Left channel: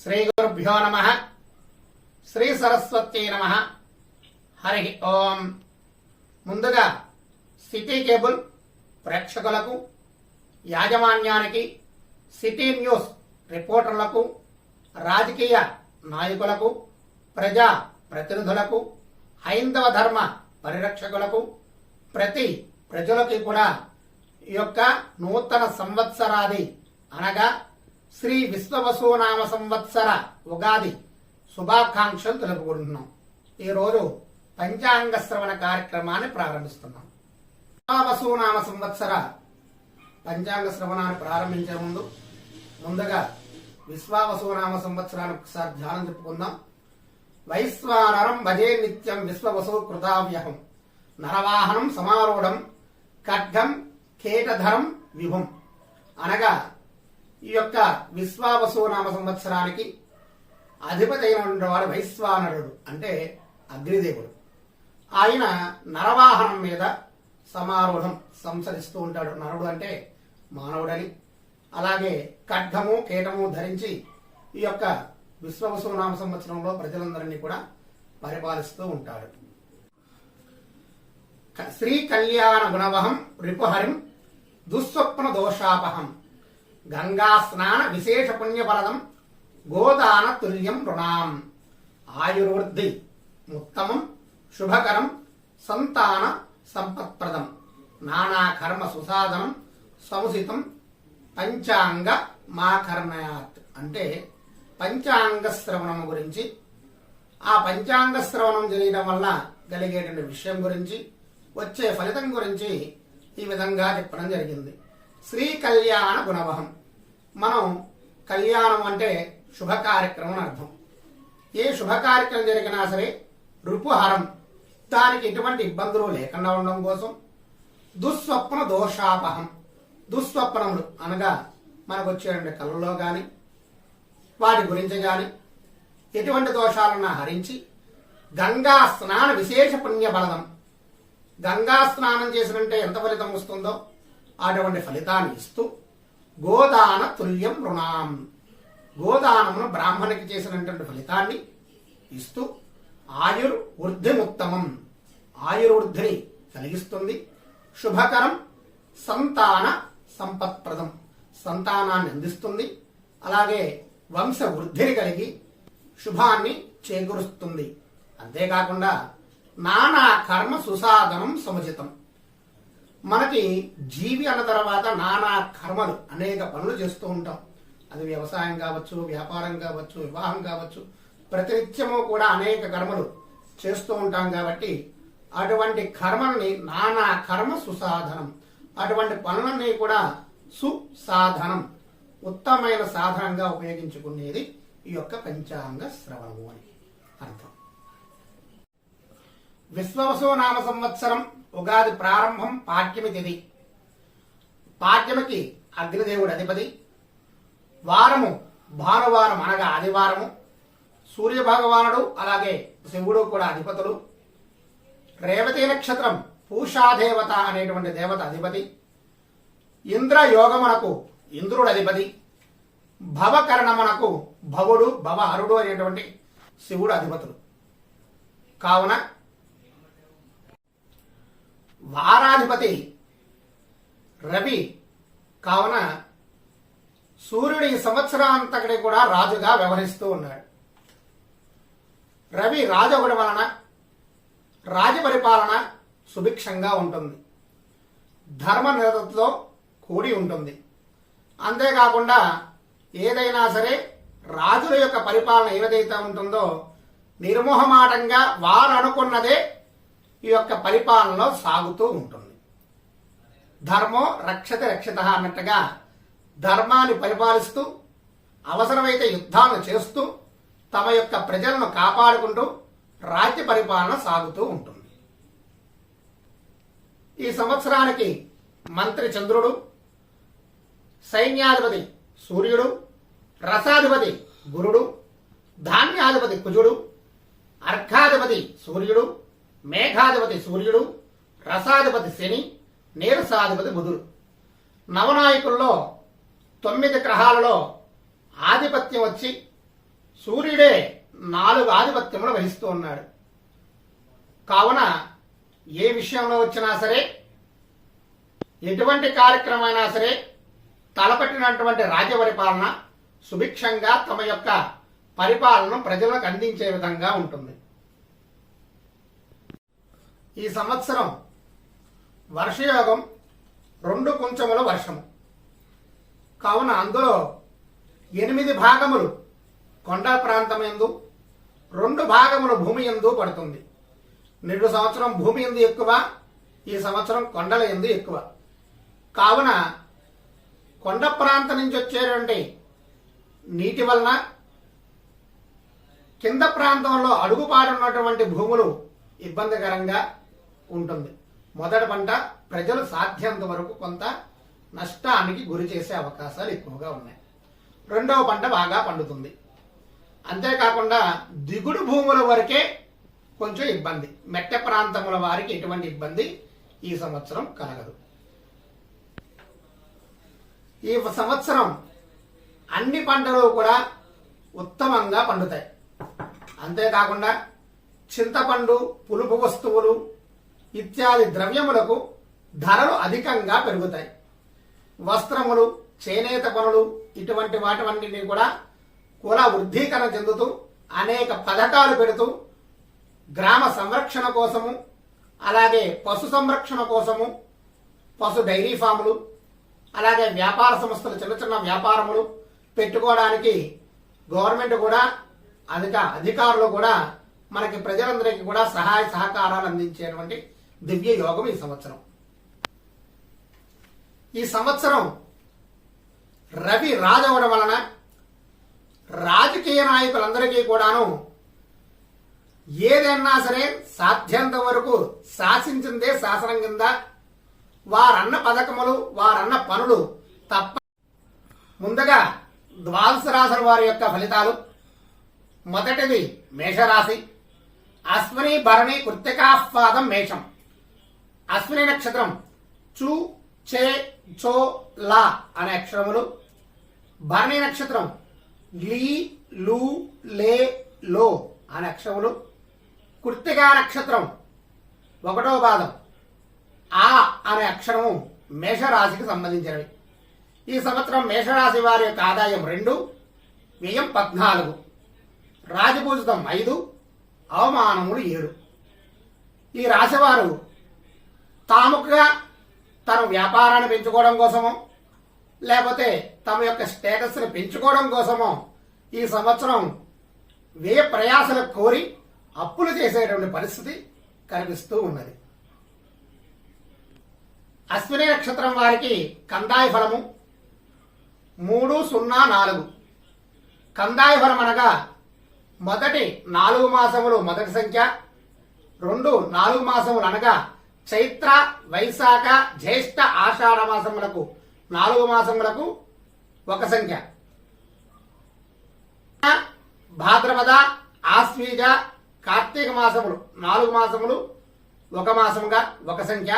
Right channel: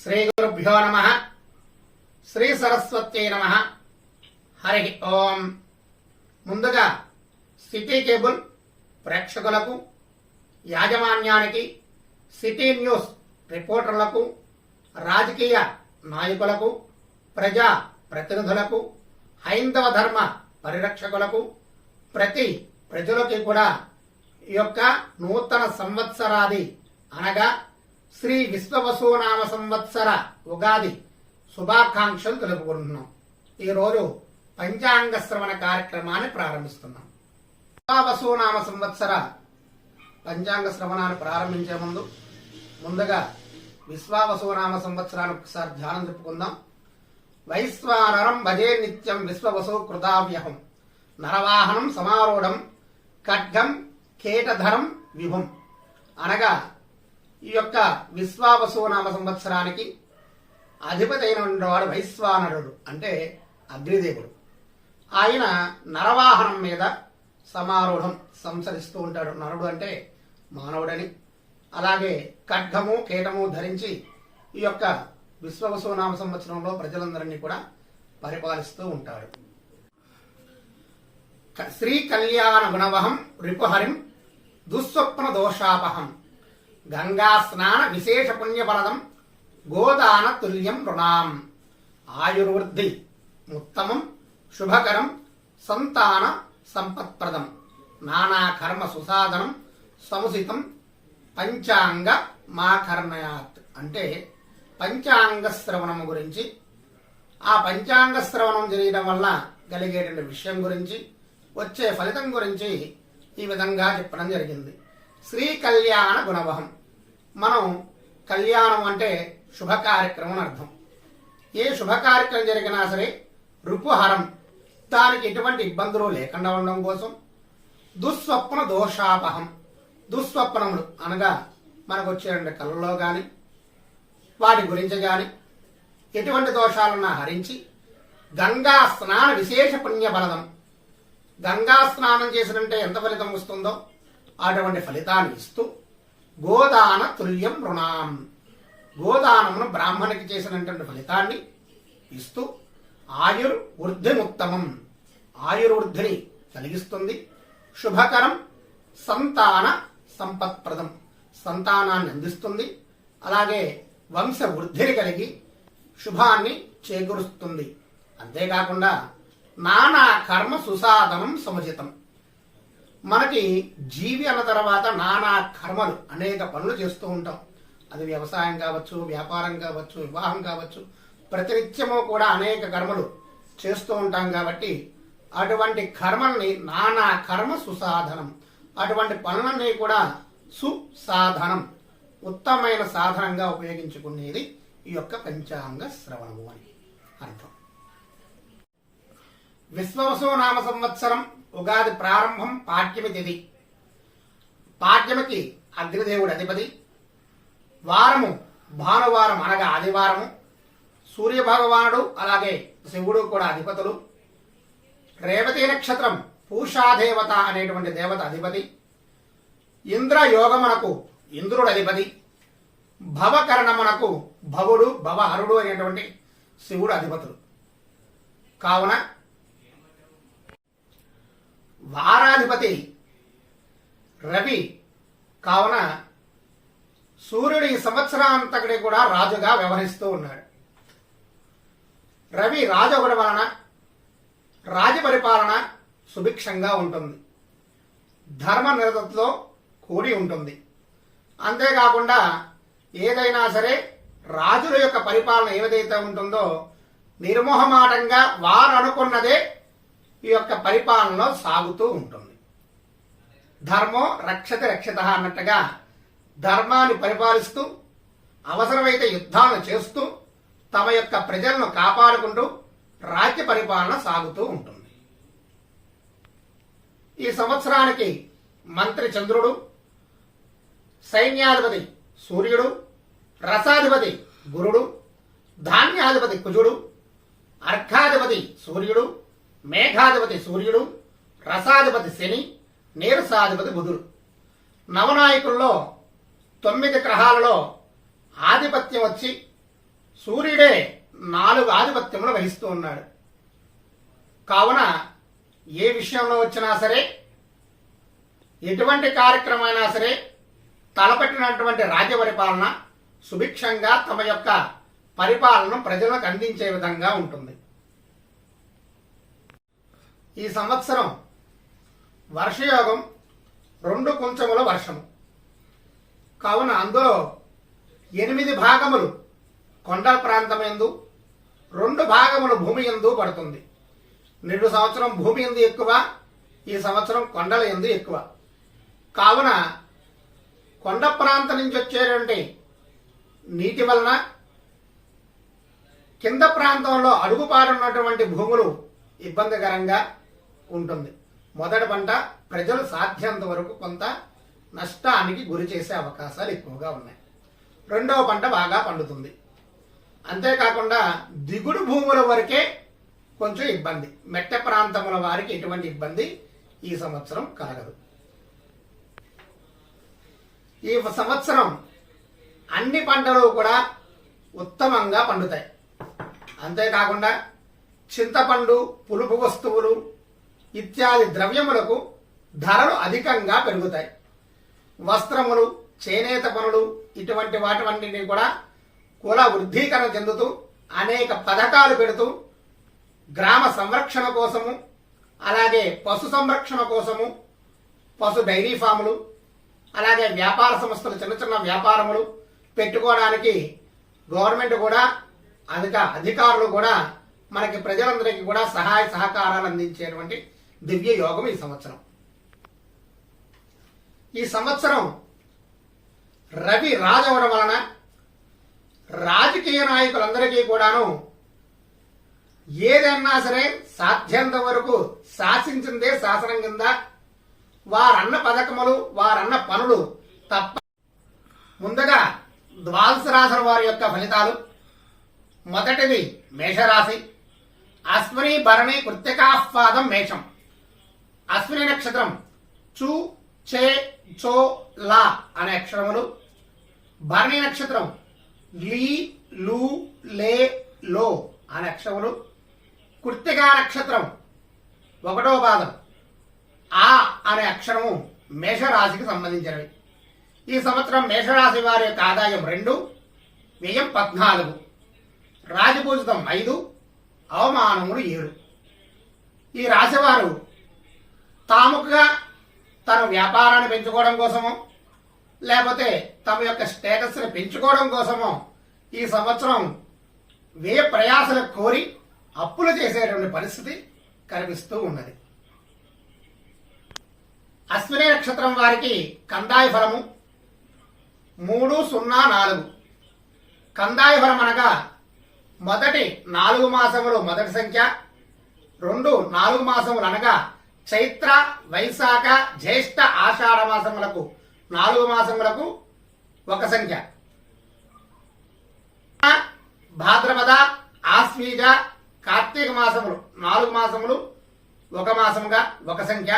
శ్రీ గురుభ్యో నమ. శ్రీ సరస్వత్యై నమ. హరి ఓం. ముందుగా సిటీ కేబుల్ ప్రేక్షకులకు యాజమాన్యానికి సిటీ న్యూస్ రిపోర్టర్లకు రాజకీయ నాయకులకు ప్రజా ప్రతినిధులకు హైందవ ధర్మ పరిరక్షకులకు ప్రతి ప్రజలకి కూడా ఈ యొక్క నూతన సంవత్సరాది అనగా శ్రీ విశ్వవసునామ సంవత్సర ఉగాది శుభాకాంక్షలు తెలుపుకుంటున్నాం. ఈరోజు పంచాంగ శ్రవణ కార్యక్రమాన్ని ప్రారంభిస్తున్నాం. విశ్వవసునామ సంవత్సర పంచాంగ శ్రవణాన్ని ప్రారంభించే ముందు ముందుగా విశ్వావసునామ సంవత్సరానికి ఒకసారి ధ్యానం చెప్పుకుందాం. వైశ్వానరం భజే నిత్యం విశ్వవసు కృతావ్యహం నరవాహనం సమారూఢం ఖడ్గం కేటధరం విభుం అనగా ఈ యొక్క విశ్వావసునామ సంవత్సరానికి అధిపతి అయిన వాడు వైశ్వానరుడు అంటే అగ్నిదేవుడు. ఆయన నరవాహనం మీద సమారూఢం సంసరిస్తూ ఉంటాడు. నరుడు అంటే మానవుడని. అలాగే ఖడ్గము కేటము ధరించి ఈ యొక్క విశ్వవసునామ సంవత్సరంలో ప్రజలందరినీ కూడా పరిపాలిస్తూ ఉంటాడు. శ్రీ కళ్యాణ గుణవహం రిపుహరిం దుస్వప్న దోషాపహం గంగా స్నాన విశేష పుణ్యఫలదం గోదాన తుల్యం రుణాం. ఆయుర్వృద్ధి ఉత్తమం శుభకరం సంతాన సంపత్ప్రదం. నానా కర్మ సుసాధనం సముసితం పంచాంగ మాకర్ణయాత్ అంటే పంచాంగ శ్రవణము గురించి. ఆ పంచాంగ శ్రవణం చేయడం వల్ల కలిగేటువంటి విషయం గురించి వచ్చే ఫలితం గురించి ఈ విధంగా చెప్పడం జరిగింది. శ్రీ కళ్యాణ గుణవహం మనం కళ్యాణం అంటే శుభ కార్యక్రమం అర్థం. ఏ శుభ కార్యక్రమం జరిగినా సరే రుపుహరం దానికి ఎటువంటి ఇబ్బందులు లేకుండా ఉండడం కోసం దుస్వప్న దోషాపహం. దుస్వప్నములు అనగా మనకు వచ్చేటువంటి కళ్ళలో గాని వాటి గురించి గాని ఎటువంటి దోషాలను హరించి గంగా స్నాన విశేష పుణ్య బలదం గంగా స్నానం చేసినంటే ఎంత ఫలితం వస్తుందో అటువంటి ఫలితాన్ని ఇస్తూ గోదాన తుల్యం రుణాం. గోదానమును బ్రాహ్మణికి చేసినటువంటి ఫలితాన్ని ఇస్తూ ఆయుర్వృద్ధిముత్తమం ఆయుర్వృద్ధిని కలిగిస్తుంది. శుభకరం సంతాన సంపత్ప్రదం. సంతానాన్ని అందిస్తుంది. అలాగే వంశ వృద్ధిని కలిగి శుభాన్ని చేకూరుస్తుంది. అంతేకాకుండా నానా కర్మ సుసాధనం సముచితం. మనకి జీవి అన్న తర్వాత నానా కర్మలు అనేక పనులు చేస్తూ ఉంటాం. అది వ్యవసాయం కావచ్చు వ్యాపారం కావచ్చు వివాహం కావచ్చు. ప్రతినిత్యము కూడా అనేక కర్మలు చేస్తూ ఉంటాం కాబట్టి అటువంటి కర్మల్ని నానా కర్మ సుసాధనం. అటువంటి పనులన్నీ కూడా సుసాధనం. ఉత్తమమైన సాధనంగా ఉపయోగించుకునేది ఈ యొక్క పంచాంగ శ్రవణము అని అర్థం. విశ్వవసు నామ సంవత్సరం ఉగాది ప్రారంభం పాఠ్యమి తిథి పాఠ్యమికి అగ్నిదేవుడు అధిపతి. వారము భానువారం అనగా ఆదివారము. సూర్యభగవానుడు అలాగే శివుడు కూడా అధిపతులు. రేవతి నక్షత్రం పూషాదేవత అనేటువంటి దేవత అధిపతి. ఇంద్ర యోగమునకు ఇంద్రుడు అధిపతి. భవకరణమునకు భవుడు భవహరుడు అనేటువంటి శివుడు అధిపతులు. కావున వారాధిపతి రవి కావున సూర్యుడు ఈ సంవత్సరాంతకుడి కూడా రాజుగా వ్యవహరిస్తూ ఉన్నాడు. రవి రాజొకటి వలన రాజ పరిపాలన సుభిక్షంగా ఉంటుంది. ధర్మ నిరతతో కూడి ఉంటుంది. అంతేకాకుండా ఏదైనా సరే రాజుల యొక్క పరిపాలన ఏదైతే ఉంటుందో నిర్మోహమాటంగా వారు అనుకున్నదే ఈ యొక్క పరిపాలనలో సాగుతూ ఉంటుంది. ధర్మో రక్షత రక్షిత అన్నట్టుగా ధర్మాన్ని పరిపాలిస్తూ అవసరమైతే యుద్ధాలను చేస్తూ తమ యొక్క ప్రజలను కాపాడుకుంటూ రాజ్య పరిపాలన సాగుతూ ఉంటుంది. ఈ సంవత్సరానికి మంత్రి చంద్రుడు సైన్యాధిపతి సూర్యుడు రసాధిపతి గురుడు ధాన్యాధిపతి కుజుడు అర్ఘాధిపతి సూర్యుడు మేఘాధిపతి సూర్యుడు రసాధిపతి శని నీరసాధిపతి బుధుడు. నవనాయకుల్లో తొమ్మిది గ్రహాలలో ఆధిపత్యం వచ్చి సూర్యుడే నాలుగు ఆధిపత్యములు వహిస్తూ ఉన్నాడు. కావున ఏ విషయంలో వచ్చినా సరే ఎటువంటి కార్యక్రమైనా సరే తలపెట్టినటువంటి రాజ్య పరిపాలన సుభిక్షంగా తమ యొక్క పరిపాలనను ప్రజలకు అందించే విధంగా ఉంటుంది. ఈ సంవత్సరం వర్షయోగం రెండు కుంచముల వర్షము. కావున అందులో ఎనిమిది భాగములు కొండ ప్రాంతం ఎందు రెండు భాగములు భూమి ఎందు పడుతుంది. నిండు సంవత్సరం భూమి ఎందు ఎక్కువ ఈ సంవత్సరం కొండల ఎందు ఎక్కువ. కావున కొండ ప్రాంతం నుంచి వచ్చేటువంటి నీటి వలన కింద ప్రాంతంలో అడుగుపాడున్నటువంటి భూములు ఇబ్బందికరంగా ఉంటుంది. మొదటి పంట ప్రజలు సాధ్యంత వరకు కొంత నష్టానికి గురి చేసే అవకాశాలు ఎక్కువగా ఉన్నాయి. రెండవ పంట బాగా పండుతుంది. అంతేకాకుండా దిగుడు భూముల వరకే కొంచెం ఇబ్బంది. మెట్ట ప్రాంతముల వారికి ఎటువంటి ఇబ్బంది ఈ సంవత్సరం కలగదు. ఈ సంవత్సరం అన్ని పంటలు కూడా ఉత్తమంగా పండుతాయి. అంతేకాకుండా చింతపండు పులుపు వస్తువులు ఇత్యాది ద్రవ్యములకు ధరలు అధికంగా పెరుగుతాయి. వస్త్రములు చేనేత పనులు ఇటువంటి వాటివన్నింటినీ కూడా కుల వృద్ధీకరణ చెందుతూ అనేక పథకాలు పెడుతూ గ్రామ సంరక్షణ కోసము అలాగే పశు సంరక్షణ కోసము పశు డైరీ ఫాములు అలాగే వ్యాపార సంస్థలు చిన్న చిన్న వ్యాపారములు పెట్టుకోవడానికి గవర్నమెంట్ కూడా అధిక అధికారులు కూడా మనకి ప్రజలందరికీ కూడా సహాయ సహకారాలు అందించేటువంటి దివ్య యోగం ఈ సంవత్సరం. ఈ సంవత్సరం రవి రాజవడం వలన రాజకీయ నాయకులందరికీ కూడాను ఏదన్నా సరే సాధ్యంత వరకు శాసించిందే శాసనం కింద వారన్న పథకములు వారన్న పనులు తప్ప ముందుగా ద్వాదశ రాశుల వారి యొక్క ఫలితాలు. మొదటిది మేషరాశి. అశ్విని భరణి కృత్తికాస్వాదం మేషం. అశ్విని నక్షత్రం. చు చే చో లా అనే అక్షరములు. భరణి నక్షత్రం. లీ లు లే లో అనే అక్షరములు. కృత్తికా నక్షత్రం. ఒకటో పాదం. ఆ అనే అక్షరము మేషరాశికి సంబంధించినవి. ఈ సంవత్సరం మేషరాశి వారి యొక్క ఆదాయం రెండు వ్యయం పద్నాలుగు. రాజపూజితం ఐదు అవమానములు ఏడు. ఈ రాశివారు తాముగా తన వ్యాపారాన్ని పెంచుకోవడం కోసమో లేకపోతే తమ యొక్క స్టేటస్ని పెంచుకోవడం కోసమో ఈ సంవత్సరం వ్యయ ప్రయాసలు కోరి అప్పులు చేసేటువంటి పరిస్థితి కనిపిస్తూ ఉన్నది. అశ్విని నక్షత్రం వారికి కందాయ ఫలము మూడు సున్నా నాలుగు. కందాయ ఫలం అనగా మొదటి నాలుగు మాసములు మొదటి సంఖ్య రెండు నాలుగు మాసములు అనగా చైత్ర వైశాఖ జ్యేష్ఠ ఆషాఢ మాసములకు నాలుగు మాసములకు ఒక సంఖ్య. భాద్రపద ఆశ్వీజ కార్తీక మాసములు నాలుగు మాసములు ఒక మాసముగా ఒక సంఖ్య.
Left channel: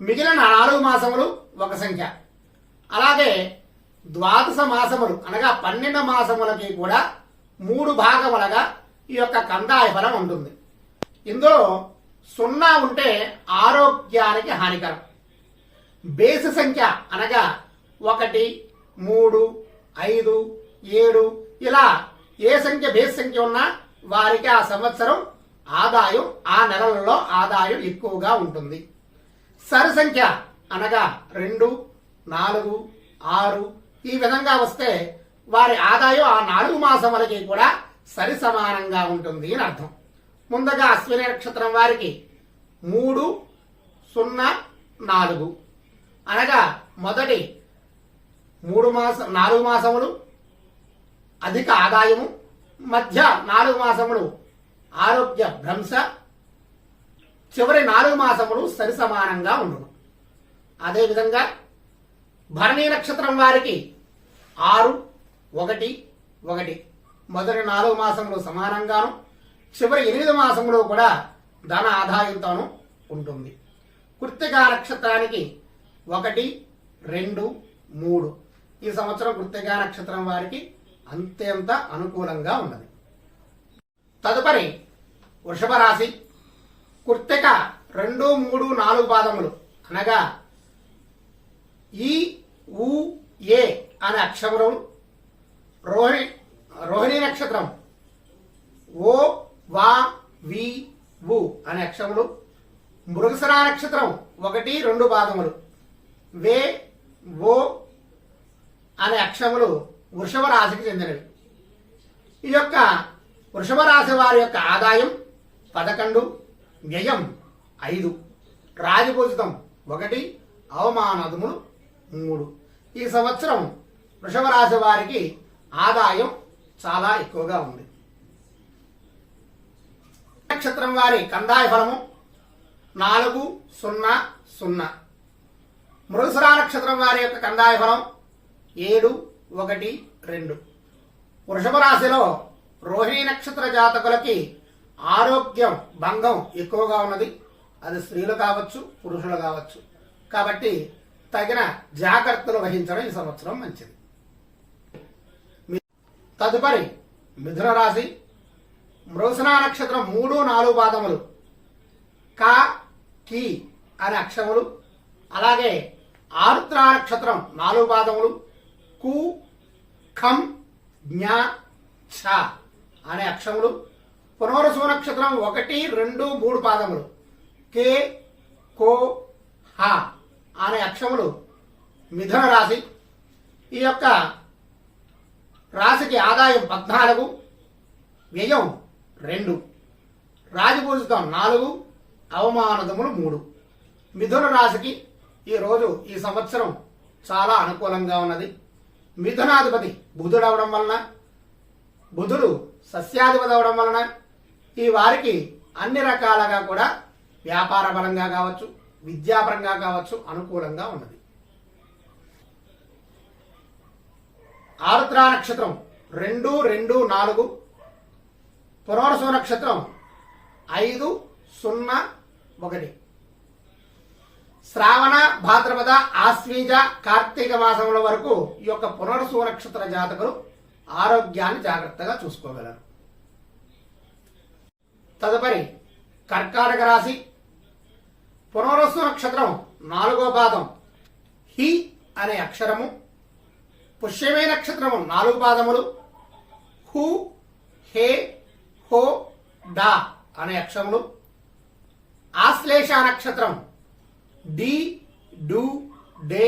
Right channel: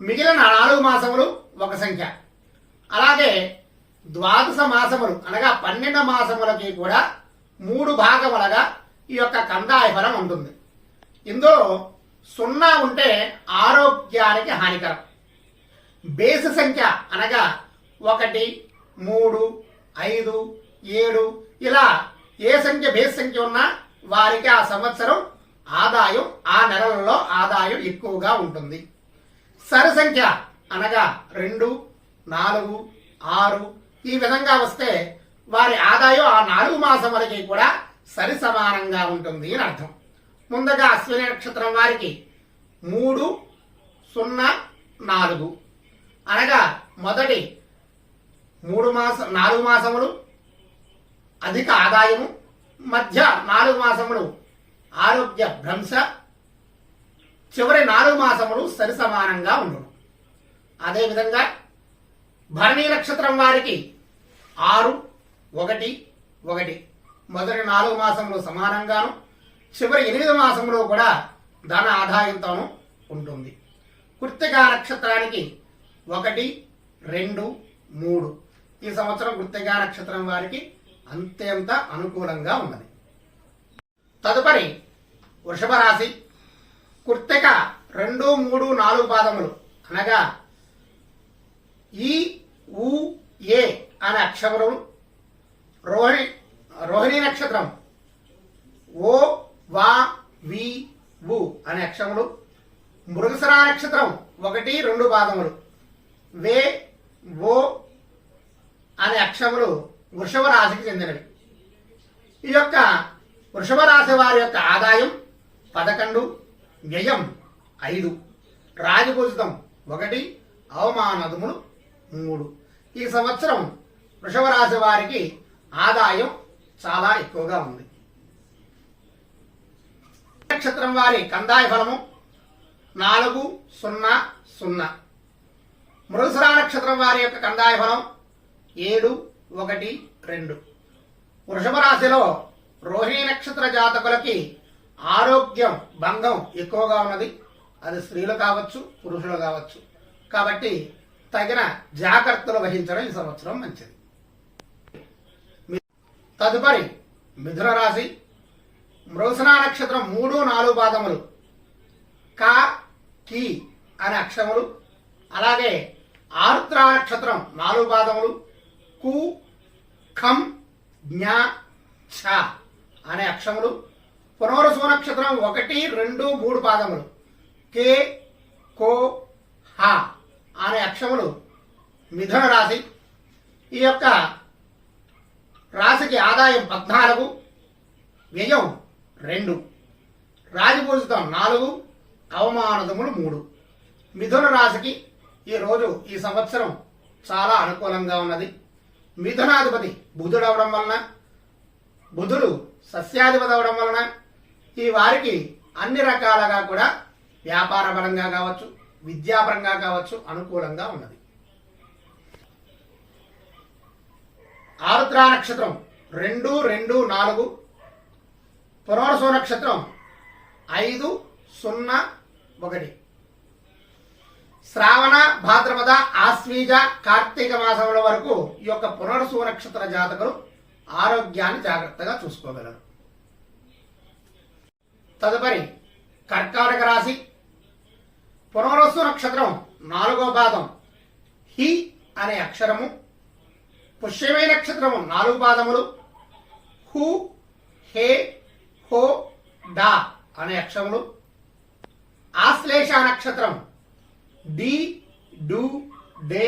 మిగిలిన నాలుగు మాసములు ఒక సంఖ్య. అలాగే ద్వాదశ మాసములు అనగా పన్నెండు మాసములకి కూడా మూడు భాగములుగా ఈ యొక్క కందాయ ఫలం ఉంటుంది. ఇందులో సున్నా ఉంటే ఆరోగ్యానికి హానికరం. బేసి సంఖ్య అనగా ఒకటి మూడు ఐదు ఏడు ఇలా ఏ సంఖ్య బేస్ సంఖ్య ఉన్నా వారికి ఆ సంవత్సరం ఆదాయం ఆ నెలలలో ఆదాయం ఎక్కువగా ఉంటుంది. సరి సంఖ్య అనగా రెండు నాలుగు ఆరు ఈ విధంగా వస్తే వారి ఆదాయం ఆ నాలుగు మాసములకి కూడా సరి సమానంగా ఉంటుంది అని అర్థం. ముందుగా అశ్విని నక్షత్రం వారికి మూడు సున్నా నాలుగు. అనగా మొదటి మూడు మాసం నాలుగు మాసములు అధిక ఆదాయము మధ్య నాలుగు మాసములు ఆరోగ్య భ్రంశ చివరి నాలుగు మాసములు సరి సమానంగా ఉండును. అదేవిధంగా భరణీ నక్షత్రం వారికి ఆరు ఒకటి ఒకటి. మొదటి నాలుగు మాసములు సమానంగాను చివరి ఎనిమిది మాసంలో కూడా ధన ఆదాయంతోనూ ఉంటుంది. కృత్తికా నక్షత్రానికి ఒకటి రెండు మూడు. ఈ సంవత్సరం కృత్తికా నక్షత్రం వారికి అంతేంత అనుకూలంగా ఉన్నది. తదుపరి వృషభ రాశి. కృత్తిక రెండు మూడు నాలుగు పాదములు అనగా ఈ ఉ ఏ అనే అక్షరములు రోహిణి రోహిణి నక్షత్రం ఓ వా వి వు అనే అక్షములు మృగసరా నక్షత్రం ఒకటి రెండు పాదములు వే ఓ అనే అక్షములు వృషభ రాశికి చెందినవి. ఈ యొక్క వృషభ రాశి వారి యొక్క ఆదాయం పదకొండు వ్యయం ఐదు రాజపూజితం ఒకటి అవమానదములు మూడు. ఈ సంవత్సరం వృషభ రాశి వారికి ఆదాయం చాలా ఎక్కువగా ఉంది. నక్షత్రం వారి కందాయ ఫలము నాలుగు సున్నా సున్నా. మృగసరా నక్షత్రం వారి యొక్క కందాయ ఫలం ఏడు ఒకటి రెండు. వృషభ రాశిలో రోహిణి నక్షత్ర జాతకులకి ఆరోగ్యం భంగం ఎక్కువగా ఉన్నది. అది స్త్రీలు కావచ్చు పురుషులు కావచ్చు. కాబట్టి తగిన జాగ్రత్తలు వహించడం ఈ సంవత్సరం మంచిది. తదుపరి మిథున రాశి మృగసనా నక్షత్రం మూడు నాలుగు పాదములు. క కి అనే అక్షరములు. అలాగే ఆరుద్ర నక్షత్రం నాలుగు పాదములు. కు ఖం జ్ఞా ఛ అనే అక్షములు పునరుసు నక్షత్రం ఒకటి రెండు మూడు పాదములు. కే కో హ అనే అక్షములు మిథున రాశి. ఈ యొక్క రాశికి ఆదాయం పద్నాలుగు వ్యయం రెండు. రాజపూజితం నాలుగు అవమానదములు మూడు. మిథున రాశికి ఈరోజు ఈ సంవత్సరం చాలా అనుకూలంగా ఉన్నది. మిథునాధిపతి బుధుడు అవడం వలన బుధుడు సస్యాధిపతి అవడం వలన ఈ వారికి అన్ని రకాలుగా కూడా వ్యాపార పరంగా కావచ్చు విద్యాపరంగా కావచ్చు అనుకూలంగా ఉన్నది. ఆరుద్రా నక్షత్రం రెండు రెండు నాలుగు పునర్సు నక్షత్రం ఐదు సున్నా ఒకటి. శ్రావణ భాద్రపద ఆశ్వీజ కార్తీక మాసముల వరకు ఈ యొక్క పునర్సు నక్షత్ర జాతకులు ఆరోగ్యాన్ని జాగ్రత్తగా చూసుకోగలరు. తదుపరి కర్కాటక రాశి. పునరుసు నక్షత్రం నాలుగో పాదం. హి అనే అక్షరము. పుష్యమే నక్షత్రము నాలుగు పాదములు. హు హే హో డా అనే అక్షములు ఆశ్లేష నక్షత్రం. డి డు డే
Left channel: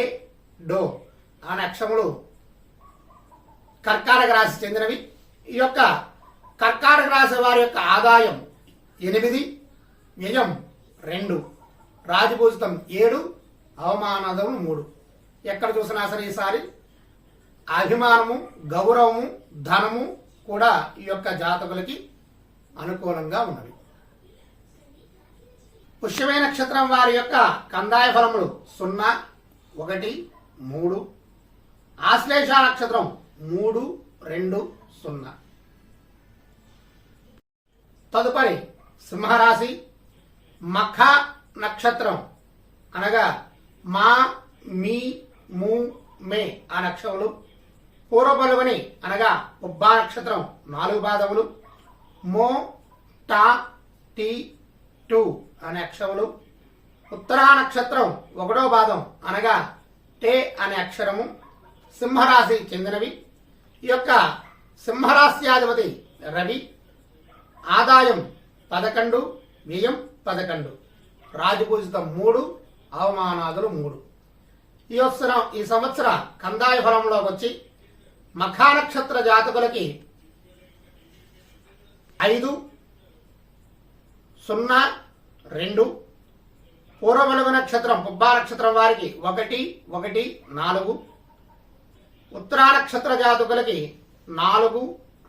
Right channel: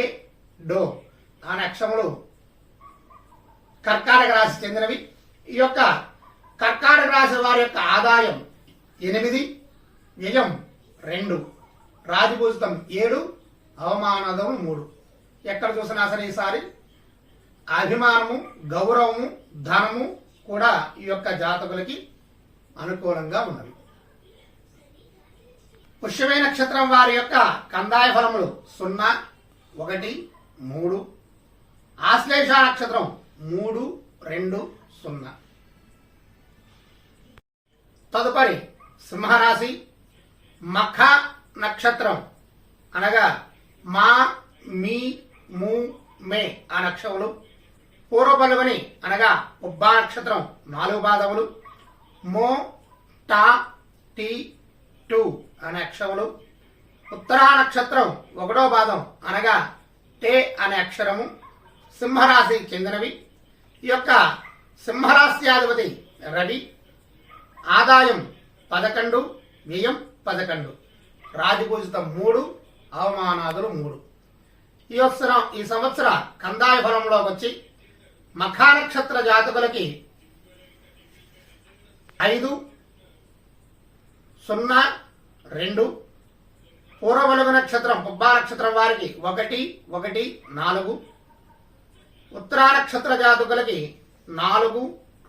డో అనే అక్షములు కర్కాటక రాశి చెందినవి. ఈ యొక్క కర్కాటక రాశి వారి యొక్క ఆదాయం ఎనిమిది వ్యయం రెండు రాజభూజితం ఏడు అవమానదము మూడు. ఎక్కడ చూసినా సరే ఈసారి అభిమానము గౌరవము ధనము కూడా ఈ యొక్క జాతకులకి అనుకూలంగా ఉన్నవి. పుష్యమే నక్షత్రం వారి యొక్క కందాయ ఫలములు సున్నా ఒకటి మూడు. ఆశ్లేష నక్షత్రం మూడు రెండు సున్నా. తదుపరి సింహరాశి మఖ నక్షత్రం అనగా మా మీ ము మే ఆ నక్షములు పూర్వపలువని అనగా ఉబ్బా నక్షత్రం నాలుగు పాదములు. మో టా టి టు అనే అక్షరములు. ఉత్తరా నక్షత్రం ఒకటో పాదం అనగా టే అనే అక్షరము. సింహరాశి చెందినవి. ఈ యొక్క సింహరాశ్యాధిపతి రవి. ఆదాయం పదకొండు వ్యయం పదకొండు. రాజపూజితం మూడు అవమానాదులు మూడు. ఈ సంవత్సరం ఈ సంవత్సర కందాయ ఫలంలోకి వచ్చి మఖా నక్షత్ర జాతకులకి ఐదు సున్నా రెండు పూర్వమలుగు నక్షత్రం పుబ్బా నక్షత్రం వారికి ఒకటి ఒకటి నాలుగు ఉత్తరా నక్షత్ర జాతకులకి నాలుగు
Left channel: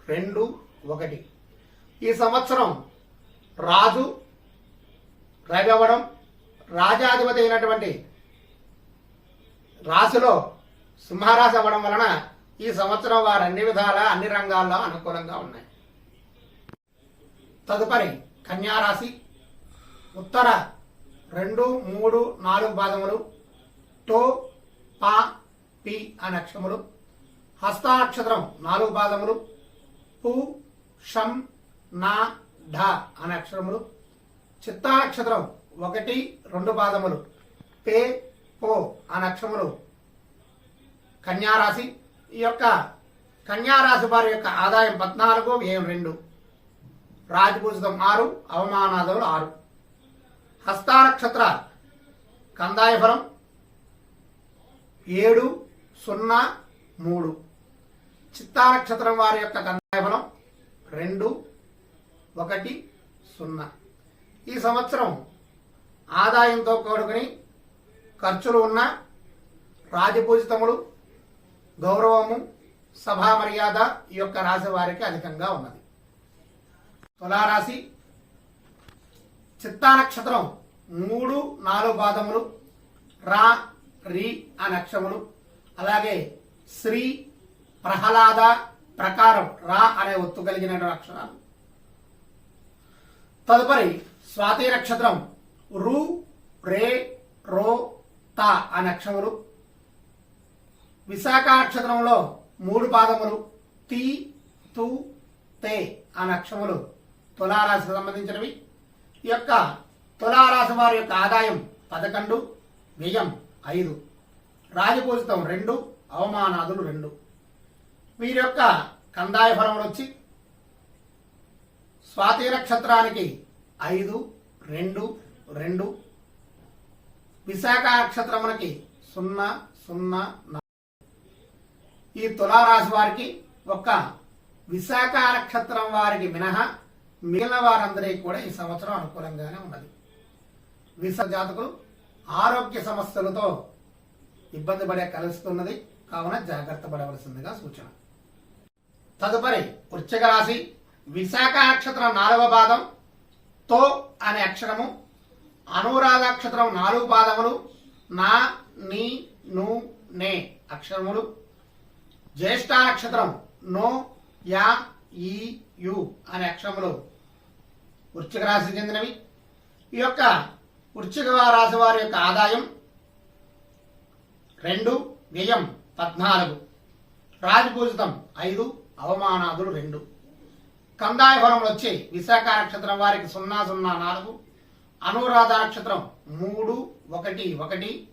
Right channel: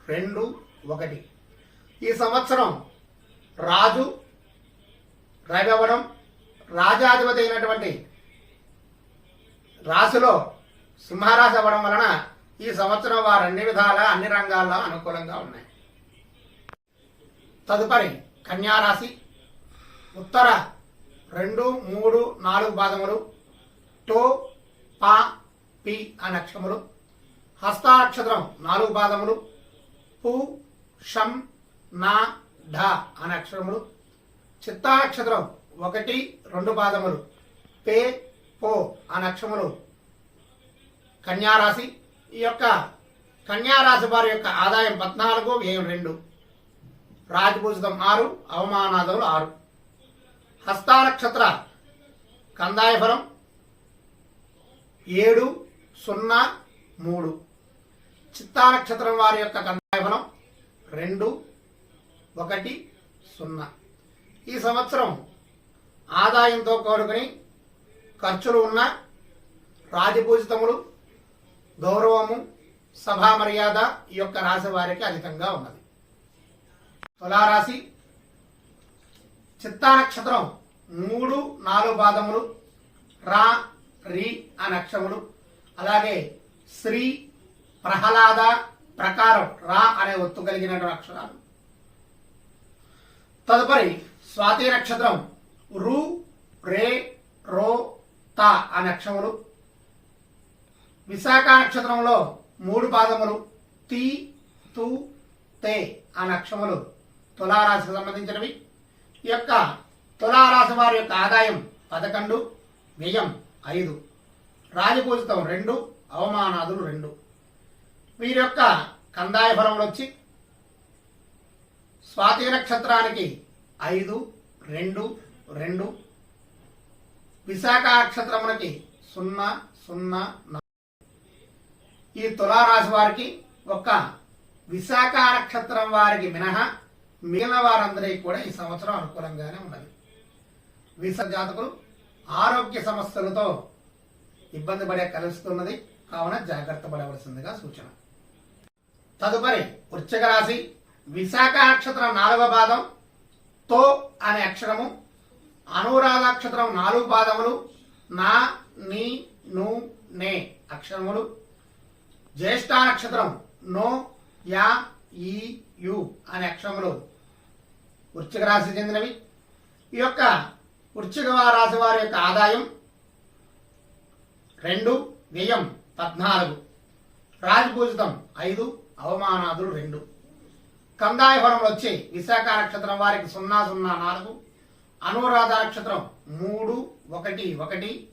రెండు ఒకటి. ఈ సంవత్సరం రాజు రవి రాజాధిపతి అయినటువంటి రాశిలో సింహరాశి అవ్వడం వలన ఈ సంవత్సరం వారు అన్ని విధాల అన్ని రంగాల్లో అనుకూలంగా ఉన్నాయి. తదుపరి కన్యారాశి. ఉత్తర రెండు మూడు నాలుగు పాదములు టో పా పి అనే అక్షములు హస్తాక్షత్రం నాలుగు పాదములు పు షం నా ఢ అనే అక్షరములు చిత్తాక్షత్రం ఒకటి రెండు పాదములు పే పో అనే అక్షములు కన్యారాశి. ఈ యొక్క కన్యారాశి వారి యొక్క ఆదాయం పద్నాలుగు వ్యయం రెండు. రాజపూజితం ఆరు అవమానాదములు ఆరు. హస్తానక్షత్ర కందాయ ఫలం ఏడు సున్నా మూడు. చిత్తా నక్షత్రం వారి యొక్క కందాయ ఫలం రెండు ఒకటి సున్నా. ఈ సంవత్సరం ఆదాయంతో కోరుకుని ఖర్చులు ఉన్న రాజపూజితములు గౌరవము సభా మర్యాద ఈ యొక్క రాశి వారికి అధికంగా ఉన్నది. తులారాశి చిత్తా నక్షత్రం మూడు నాలుగు పాదములు రా రి అనే అక్షరములు అలాగే శ్రీ ప్రహ్లాద ప్రకారం రా అనే ఒత్తు కలిగిన అక్షరాలు. తదుపరి స్వాతి నక్షత్రం రు రే రో త అనే అక్షరములు విశాఖ నక్షత్రంలో మూడు పాదములు తీ తు తే అనే అక్షములు. తులారాశికి సంబంధించినవి ఈ యొక్క తులారాశి వారి యొక్క ఆదాయం పదకొండు వ్యయం ఐదు రాజపూజితం రెండు అవమానాదులు రెండు వీరి యొక్క కందాయ ఫలములు వచ్చి స్వాతి నక్షత్రానికి ఐదు రెండు రెండు విశాఖ నక్షత్రమునకి సున్నా సున్నా నాలుగు. ఈ తులారాశి వారికి ఒక విశాఖ నక్షత్రం వారికి మినహా మిగిలిన వారందరికీ కూడా ఈ సంవత్సరం అనుకూలంగానే ఉన్నది. విశాఖ జాతకులు ఆరోగ్య సమస్యలతో ఇబ్బంది పడే కలుస్తున్నది కావున జాగ్రత్త పడవలసిందిగా సూచన. తదుపరి వృశ్చిక రాశి విశాఖ నక్షత్రం నాలుగవ పాదం తో అనే అక్షరము అనురాధ నక్షత్రం నాలుగు పాదములు నా నీ ను నే అక్షరములు జ్యేష్ఠ నక్షత్రం నో యా ఈ యు అనే అక్షరములు వృశ్చిక రాశి చెందినవి. ఈ యొక్క వృశ్చిక రాశి వారి యొక్క ఆదాయం రెండు వ్యయం పద్నాలుగు. రాజపూజితం ఐదు అవమానాదులు రెండు. కందాయ ఫలములు వచ్చి విశాఖ నక్షత్రం వారికి సున్నా సున్నా నాలుగు. అనురాధ నక్షత్రం మూడు ఒకటి ఒకటి.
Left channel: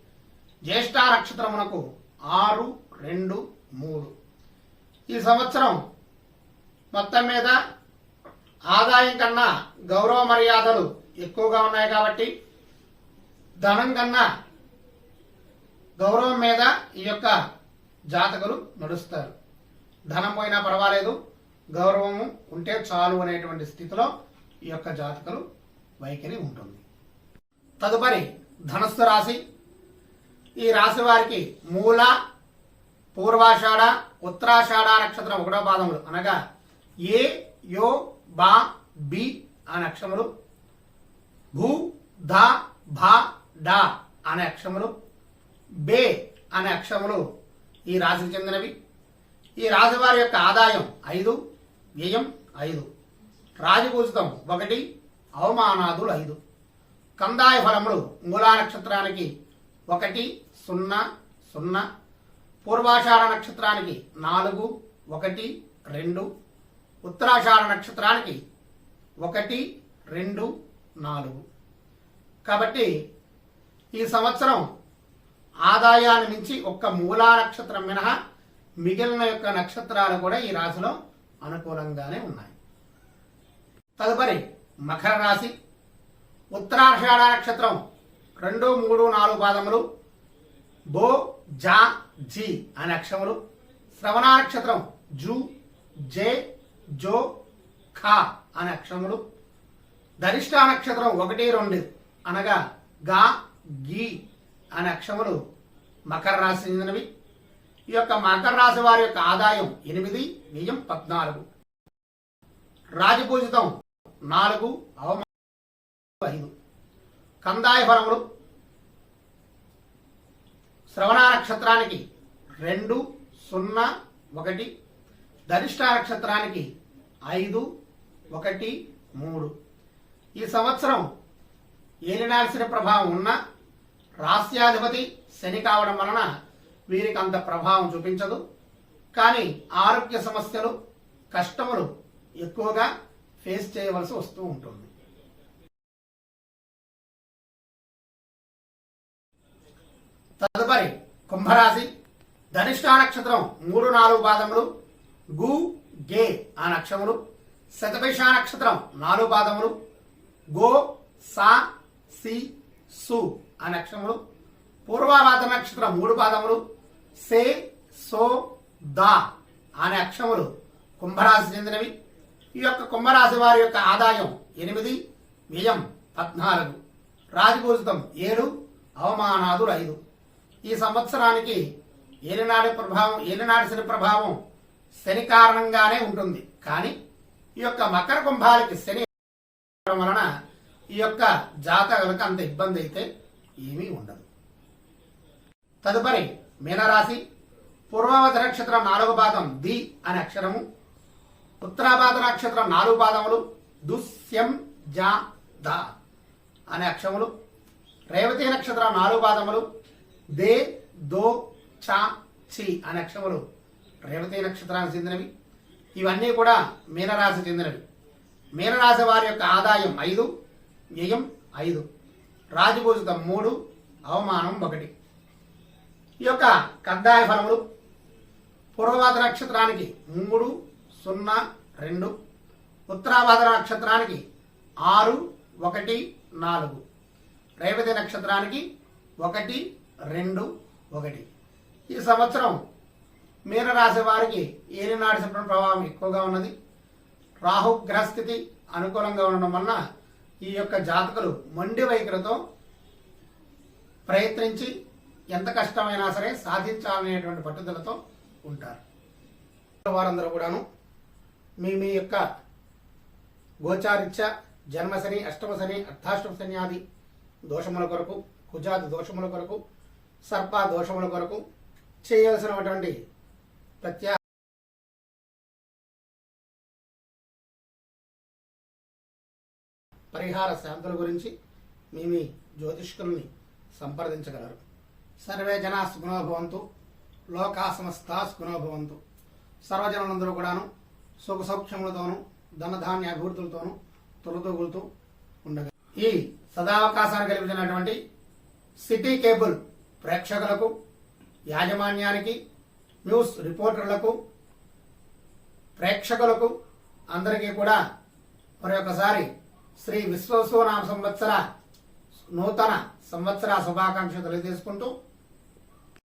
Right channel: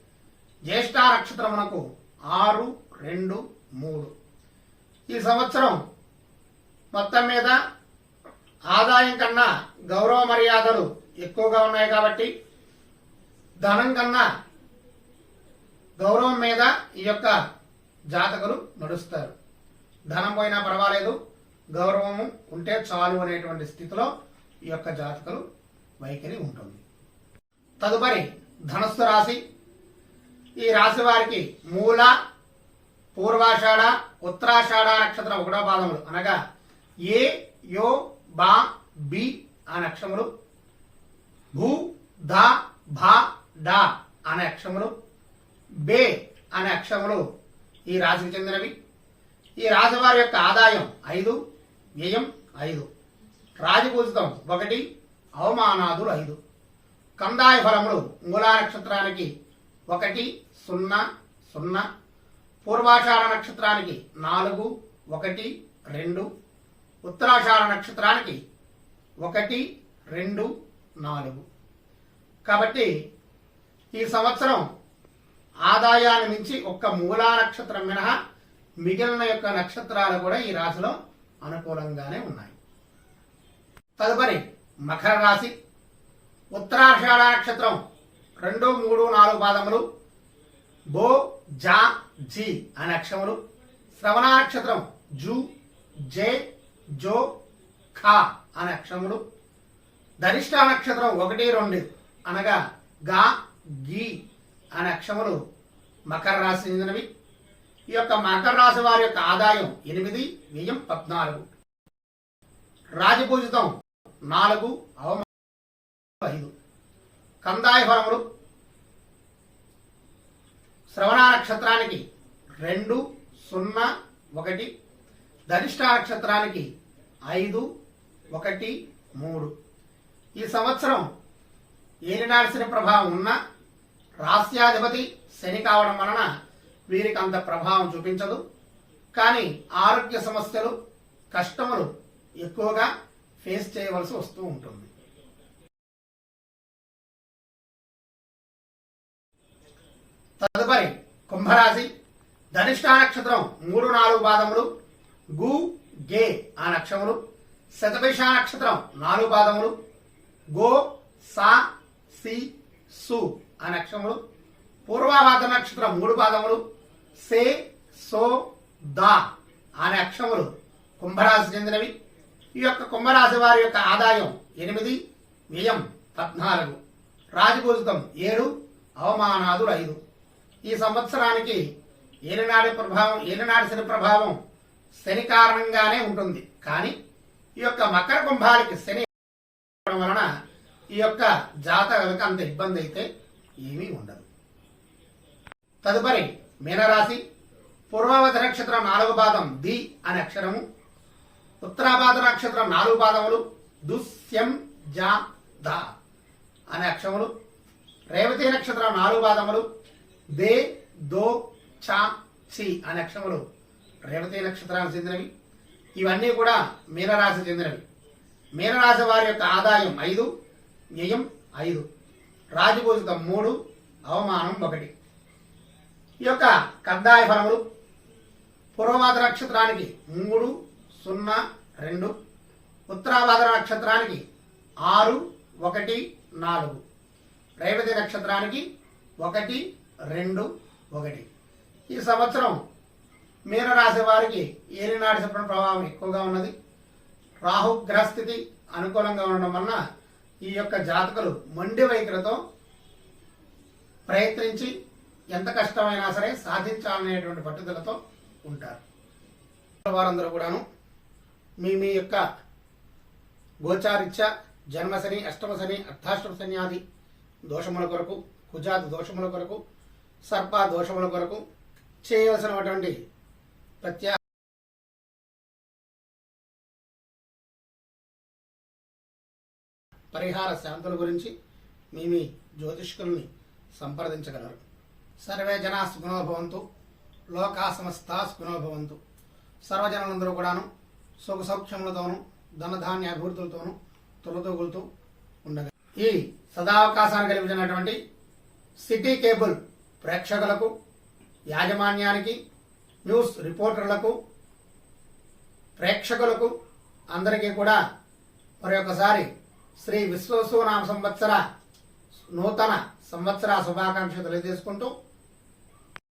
జ్యేష్ఠ నక్షత్రమునకు ఆరు రెండు మూడు. ఈ సంవత్సరం మొత్తం మీద ఆదాయం కన్నా గౌరవ మర్యాదలు ఎక్కువగా ఉన్నాయి కాబట్టి ధనం కన్నా గౌరవం మీద ఈ యొక్క జాతకులు నడుస్తారు. ధనం పోయినా పర్వాలేదు గౌరవము ఉంటే చాలు అనేటువంటి స్థితిలో ఈ యొక్క జాతకులు వైఖరి ఉంటుంది. తదుపరి ధనస్సు రాశి. ఈ రాశి వారికి మూల పూర్వాషాఢ ఉత్తరాషాఢ నక్షత్రం ఒకటో పాదములు అనగా ఏ యో బా బి అనే అక్షములు భూ ధ భా డా అనే అక్షములు బే అనే అక్షములు ఈ రాశికి చెందినవి. ఈ రాశి యొక్క ఆదాయం ఐదు వ్యయం ఐదు. రాజపూజితం ఒకటి అవమానాదులు ఐదు. కందాయ ఫలములు మూలా నక్షత్రానికి ఒకటి సున్నా సున్నా. పూర్వాషాఢ నక్షత్రానికి నాలుగు ఒకటి రెండు. ఉత్తరాషాఢ నక్షత్రానికి ఒకటి రెండు నాలుగు. కాబట్టి ఈ సంవత్సరం ఆదాయాన్ని మించి ఒక్క మూలా నక్షత్రం మినహా మిగిలిన యొక్క నక్షత్రాలు కూడా ఈ రాశిలో అనుకూలంగానే ఉన్నాయి. తదుపరి మకర రాశి. ఉత్తరాషాఢ నక్షత్రం రెండు మూడు నాలుగు పాదములు. బో జా జి అనే అక్షములు శ్రవణ నక్షత్రం జు జే జో ఖా అనే అక్షరములు. ధనిష్ట నక్షత్రం ఒకటి రెండు అనగా గా గీ అనే అక్షరములు మకర రాశి చెందినవి. ఈ యొక్క మకర రాశి వారి యొక్క ఆదాయం ఎనిమిది వ్యయం పద్నాలుగు. రాజపూజితం నాలుగు అవమానం ఐదు. కందాయ ఫలములు శ్రవణ నక్షత్రానికి రెండు సున్నా ఒకటి. ధనిష్ట నక్షత్రానికి ఐదు ఒకటి మూడు. ఈ సంవత్సరం ఏలినాల్సిన ప్రభావం ఉన్న రాస్యాధిపతి శని కావడం వలన వీరికి అంత ప్రభావం చూపించదు. కానీ ఆరోగ్య సమస్యలు కష్టములు ఎక్కువగా ఫేస్ చేయవలసి వస్తూ ఉంటుంది. తదుపరి కుంభరాశి. ధనిష్ట నక్షత్రం మూడు నాలుగు పాదములు. గు గే ఆ నక్షములు శతభిష నక్షత్రం నాలుగు పాదములు గో సా సి సు ఆ నక్షములు పూర్వాభాద నక్షత్రం మూడు పాదములు సే సో దా అనే అక్షములు కుంభరాశి చెందినవి. ఈ యొక్క కుంభరాశి వారి యొక్క ఆదాయం ఎనిమిది వ్యయం పద్నాలుగు రాజపూజితం ఏడు అవమానాదులు ఐదు. ఈ సంవత్సరానికి ఏలినాడి ప్రభావం ఏలినాడి శని ప్రభావం శని కారణంగానే ఉంటుంది. కానీ ఈ యొక్క మకర కుంభాలకి శని వలన ఈ యొక్క జాతకులకు అంత ఇబ్బంది అయితే ఏమీ ఉండదు. తదుపరి మీనరాశి పూర్వావధ నక్షత్రం నాలుగు పాదం ది అనే అక్షరము ఉత్తరాపాద నక్షత్రం నాలుగు పాదములు దుస్యం జా ద అనే అక్షరములు రేవతి నక్షత్రం నాలుగు పాదములు దే దో చా చి అనే అక్షములు రేవతి నక్షత్రానికి చెందినవి. ఇవన్నీ కూడా మీనరాశి చెందినవి. మీనరాశి వారి యొక్క ఆదాయం ఐదు వ్యయం ఐదు. రాజభూషితం మూడు అవమానం ఒకటి. ఈ యొక్క కద్దాయ ఫలములు పూర్వవాద నక్షత్రానికి మూడు సున్నా రెండు. ఉత్తరాభాద్ర నక్షత్రానికి ఆరు ఒకటి నాలుగు. రేవతి నక్షత్రానికి ఒకటి రెండు ఒకటి. ఈ సంవత్సరం మీనరాశి వారికి ఏలినాటి శుభ్రం ప్రభావం ఎక్కువగా ఉన్నది. రాహు గ్రహస్థితి అనుకూలంగా ఉండడం వలన ఈ యొక్క జాతకులు మొండి వైఖరితో ప్రయత్నించి ఎంత కష్టమైనా సరే సాధించాలనేటువంటి పట్టుదలతో ఉంటారు. వారందరూ కూడాను మీ మీ యొక్క గోచారిత్య జన్మశని అష్టమశని అర్థాష్టమ శని ఆది దోషముల కొరకు కుజాది దోషముల కొరకు సర్ప దోషముల కొరకు చేయాల్సినటువంటి ప్రత్యా పరిహార శాంతుల గురించి మీ మీ జ్యోతిష్కుల్ని సంప్రదించగలరు. సర్వే జనా సుగుణోభవంతు లోకా సమస్త సుగుణోభవంతు సర్వజనులందరూ కూడాను సుఖ సౌఖ్యములతోనూ ధనధాన్య అభివృద్ధులతోనూ తొలతూగులుతూ ఉండగా ఈ సదావకాశాన్ని కలిగించినటువంటి సిటీ కేబుల్ ప్రేక్షకులకు యాజమాన్యానికి న్యూస్ రిపోర్టర్లకు ప్రేక్షకులకు అందరికీ కూడా మరొకసారి శ్రీ విశ్వసూనామ సంవత్సర నూతన సంవత్సర శుభాకాంక్షలు తెలియజేసుకుంటూ